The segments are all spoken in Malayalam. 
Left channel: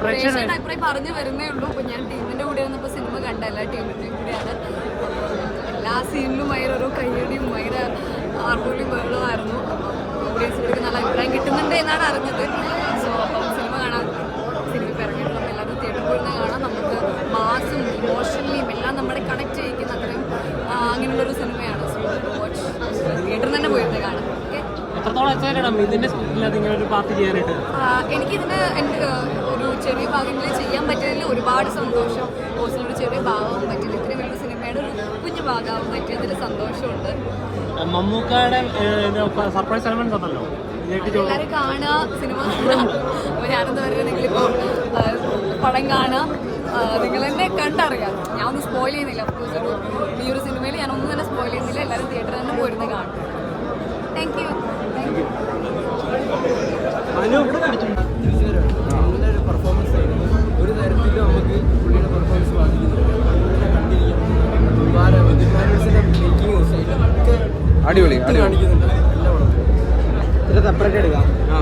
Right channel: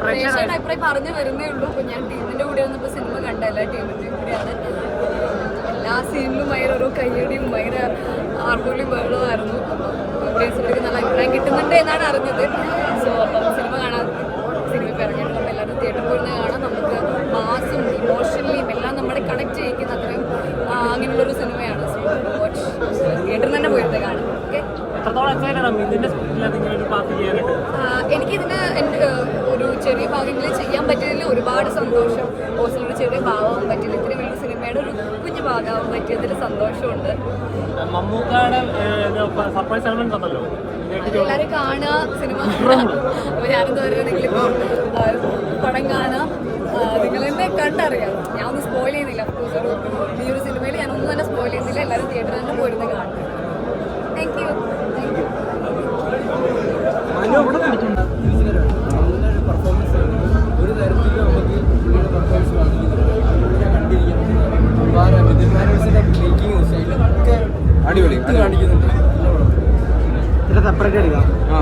പ്രേക്ഷകരുടെ പറഞ്ഞു വരുന്നേ ഉള്ളൂ. ഇപ്പൊ ഞാൻ ടീമിന്റെ കൂടെ വന്നപ്പോ സിനിമ കണ്ട എല്ലാ ടീമിന്റെയും കൂടെയാണ്. എല്ലാ സീനിലും ഭയങ്കര ഓരോ കയ്യടിയും ഭയങ്കര ആർപ്പുള്ളിയും ബഹളമായിരുന്നു. ഓഡിയൻസിലേക്ക് നല്ല അഭിപ്രായം കിട്ടുന്നുണ്ട് എന്നാണ് അറിഞ്ഞത്. സോ അപ്പം സിനിമ കാണാൻ സിനിമ ഇപ്പം ഇറങ്ങിയിട്ട് നമ്മൾ എല്ലാവരും തിയേറ്ററിൽ പോയിരുന്ന് കാണാം നമുക്ക് മാസും ഇമോഷണലിയും എല്ലാം നമ്മളെ കണക്ട് ചെയ്യിക്കുന്ന അത്രയും ആ, അങ്ങനെയുള്ളൊരു സിനിമയാണ് വാച്ച് തിയേറ്ററിൽ തന്നെ പോയിരുന്ന് കാണാം ഓക്കെ എത്രത്തോളം എക്സൈറ്റഡ് ആണ് ഇതിന്റെ സ്ക്രിപ്റ്റിൽ ഇങ്ങനെ ഒരു പാർട്ട് ചെയ്യാനായിട്ട് ആഹ് എനിക്കിതിന് എന്റെ ഒരു ചെറിയ ഭാഗങ്ങളിൽ ചെയ്യാൻ പറ്റിയതിൽ ഒരുപാട് സന്തോഷം. ഓസിനൊരു ചെറിയ ഭാഗമാവാൻ പറ്റില്ല ഇത്രയും വലിയ സിനിമയുടെ ഒരു കുഞ്ഞു ഭാഗമാവാൻ പറ്റിയതിൽ സന്തോഷമുണ്ട്. എല്ലാവരും കാണുക സിനിമ. അപ്പോൾ ഞാനെന്താ പറയുക നിങ്ങളിപ്പോൾ പടം കാണുക. നിങ്ങൾ തന്നെ കണ്ടറിയാം ഞാൻ ഒന്നും സ്പോയിൽ ചെയ്യുന്നില്ല അഫ്കോഴ്സ് ഒരു ഈ ഒരു സിനിമയിൽ ഞാൻ ഒന്നും തന്നെ സ്പോയിൽ ചെയ്യുന്നില്ല. എല്ലാവരും തിയേറ്ററിൽ തന്നെ പോയിരുന്ന് കാണും പെർഫോമൻസ് ഒരു തരത്തിലും നമുക്ക് പുള്ളിയുടെ പെർഫോമൻസ് ബാധിക്കുന്നില്ല പുള്ളിനെ കണ്ടിരിക്കാം വിദ്യുന്മാരോസിന്റെ മേക്കിംഗ് സ്റ്റൈലൊക്കെ അടിപൊളി കാണിക്കുന്നുണ്ട് സെപ്പറേറ്റ് എടുക്കണം ആ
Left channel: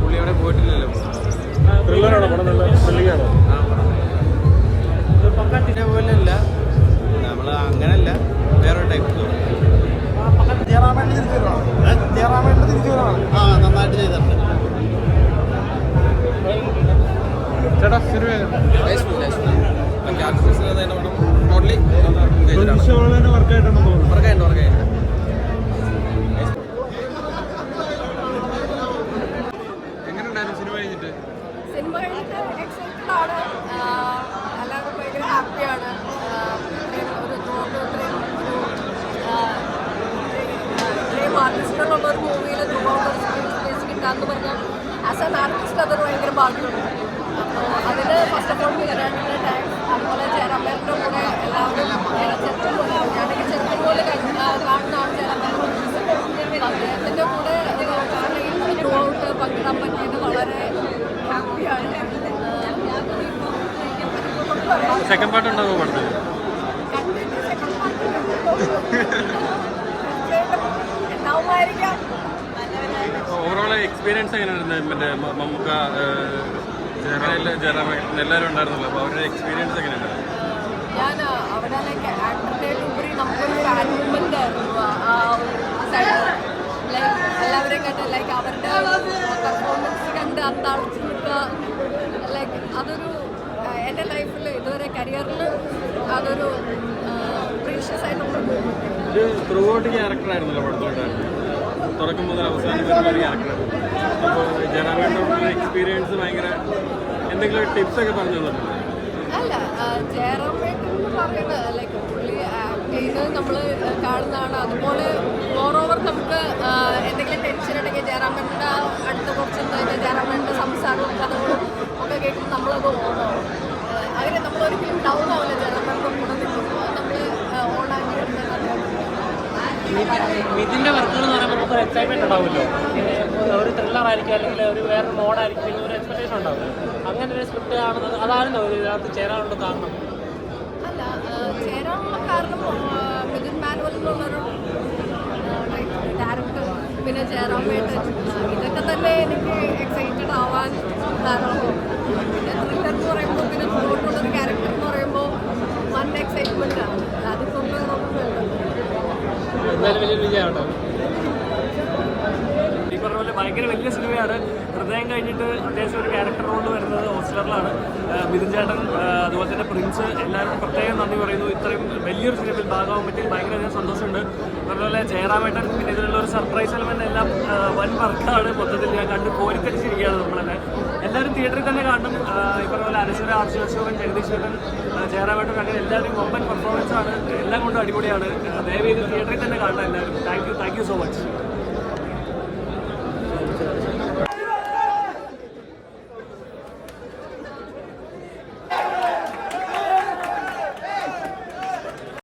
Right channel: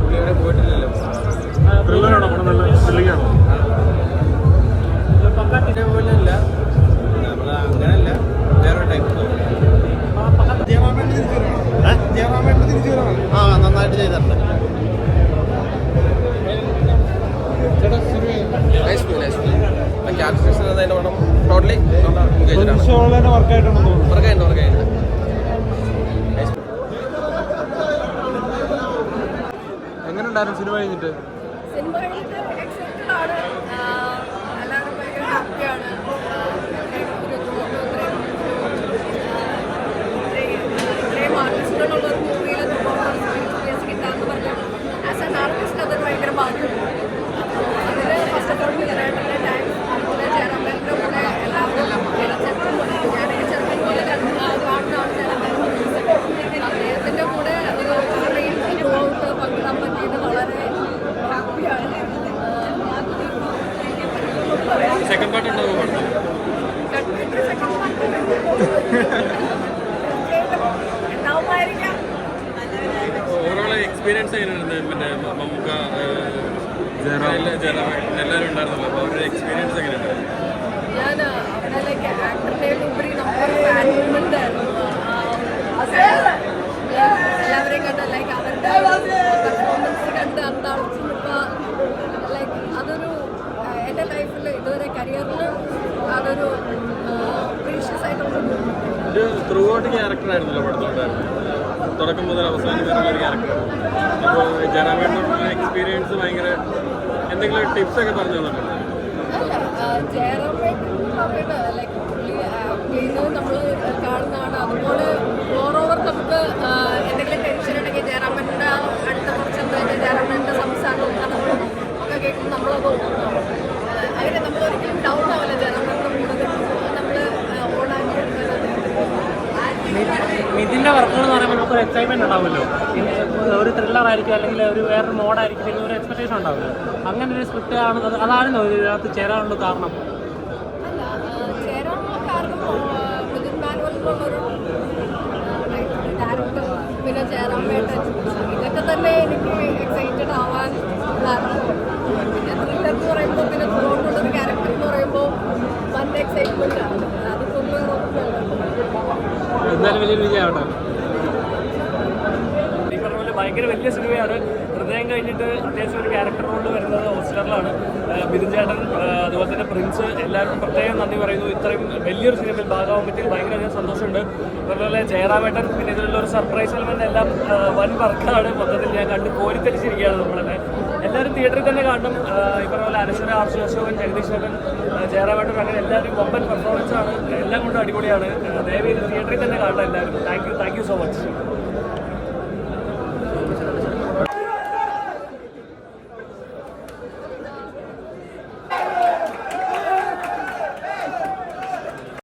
പുള്ളി അവിടെ പോയിട്ടില്ലല്ലോ നന്നായിട്ട് ചെയ്തിട്ടുണ്ട്. ടോട്ടലി വർക്കായിട്ടുണ്ടെന്ന് തോന്നുന്നു. വർക്കായിട്ട് വർക്കായിട്ടുണ്ട് എങ്ങനെയുണ്ടായിരുന്നു സിനിമ കഴിഞ്ഞിട്ട്? സിനിമ കഴിഞ്ഞിട്ട് എക്സൈറ്റഡ് ആണ്. എല്ലാവരും ഭയങ്കര ഹാപ്പിയാണ് ഒരു ഇതുകൊണ്ട് ഇത്രയും ഒരു, ആഹ് ഇത്രയും ഇത്രയും ആർട്ടിസ്റ്റുകളുള്ള ഒരു മൂവിയിൽ സ്പേസ് കിട്ടാന്ന് പറഞ്ഞാൽ ആസ് ആൻ ആർട്ടിസ്റ്റ് അതൊരു ഭയങ്കര ഭാഗ്യമുണ്ട്. അതിന് ഫസ്റ്റ് ഓഫ് ഓൾ വിനോദയുടെ ടൈം അതുപോലെ ചേരാമ്പേറിന്റെ കൂടെ എല്ലാവരും ഞാനൊക്കെ ചെറുപ്പം പോലെ ചേരാമ്പേറിന്റെ അദ്ദേഹത്തിന്റെ കൂടെ ഒരു ത്രൂ ഔട്ട് പങ്കിടാൻ പറ്റിയത് വളരെ ഹാപ്പിയാണ്. സെക്കൻഡ് പാർട്ട് ഉണ്ടാവും പറഞ്ഞു എക്സ്പീരിയൻസ് ജയറാം. എല്ലാവരും ഉണ്ടായിരുന്നല്ലോ. അപ്പോൾ അവരുടെ എക്സ്പീരിയൻസ് എങ്ങനെയാണ് ഞാൻ അവനെ ലൈക്ക് ആക്ടറിനെ ഉപരി നമുക്കൊരു ഫാൻ മൂവ്മെന്റ് ആയിരുന്നു ആ- എല്ലാവരെയും കണ്ട് ലൈക്ക് അവരുടെ പെർഫോമൻസ് കണ്ട് നിൽക്കുക ലൈക്ക് അതൊരു എന്റെ ലൈഫിൽ ഇതുവരെ കരിയറിൽ അതൊരു പ്രീഷ്യസ് ആയിട്ടുള്ള ത്രൂ ഔട്ട് ക്യാരക്ടറായിരുന്നല്ലോ പടത്തോണ്ടായിരുന്നു തുടക്കം മുതൽ അവസാനം വരെ ഒരു ക്യാരക്ടറാണ്. അപ്പോൾ ജനങ്ങളുടെ എക്സ്പീരിയൻസ് ഭയങ്കര എന്തെങ്കിലും ടിപ്സ് ഒക്കെ പറഞ്ഞു തന്നിട്ടുണ്ടോ? നമ്മൾ കാണുന്നതാണ്. അതുപോലെ ഓവർ എക്സൈറ്റ്മെന്റ് ഉണ്ടാവുമല്ലോ. പിന്നെ ഒരു ത്രില്ലർ ആയിരിക്കും അല്ലെങ്കിൽ ഒരു വേറെ മോഡായിരിക്കും ഒരു എക്സ്പെക്ടേഷൻ ഉണ്ടാവില്ല അങ്ങനെ ഒരു സ്ക്രിപ്റ്റ് ആണ്. ഇതിനകത്ത് ചേരാനുള്ള കാരണം. അല്ല ചേരാനുള്ള കാരണം മിഥുൻ മാനുവൽ എന്നുള്ളൊരു ഡയറക്ടർ പിന്നെ ചേരാൻ ആ, ഇതൊക്കെ തന്നെ എനിക്ക് എക്സൈറ്റഡ് ആവാൻ കാരണം പിന്നെ ത്രില്ലർ എന്ന് പറയുമ്പോൾ പിന്നെ ത്രോട്ടുള്ളൊരു ക്യാരക്ടർ എന്ന് പറയുമ്പോൾ വൺ എക്സൈറ്റ്മെന്റ് ആണ്. അതിപ്പോൾ ഒന്നും വേണ്ടല്ലോ എന്നാലും വലിയ വിജയമാണോ ഈ പറഞ്ഞ പോലെ ഭയങ്കര വലിയ സിനിമയാണ്. ഹൃദയം കഴിഞ്ഞിട്ട് അത്യാവശ്യം ഒരു ക്യാരക്ടർ റോളിൽ വരുന്നത് ഹോസ്റ്റലറിലാണ് മിഥുൻ ചേട്ടൻ അതുപോലെ തന്നെ പ്രിൻസ് എല്ലാവരും പ്രത്യേകം നന്ദി പറയുന്നു. ഇത്രയും വലിയൊരു സിനിമയിൽ ഭാഗമാകാൻ പറ്റി ഭയങ്കരധികം സന്തോഷമുണ്ട്. അതുപോലെ ജയറാമേട്ടൻ പിന്നെ ഇതിലുള്ള ഒരു സർപ്രൈസ് എലമെന്റ് എല്ലാം വൻ വർക്കാണ് മൊത്തത്തിൽ ഞാൻ കണ്ട് കോരിത്തരിച്ചിരിക്കുകയാണ് നമ്മളെന്നെ. എല്ലാവരും തിയേറ്ററിൽ തന്നെ കാണണം. ഈ പോലെ അനശ്വര ആർഷു അശോകൻ ജഗദീശ്വരൻ ജയറാമേട്ടൻ അങ്ങനെ എല്ലാവരും വമ്പൻ പെർഫോമൻസ് ആണ്. എല്ലാം കൊണ്ടും അടിപൊളിയാണ്. ദയവ് ഇത് തിയേറ്ററിൽ തന്നെ കാണണം എല്ലാവരും. Thank you thank you so much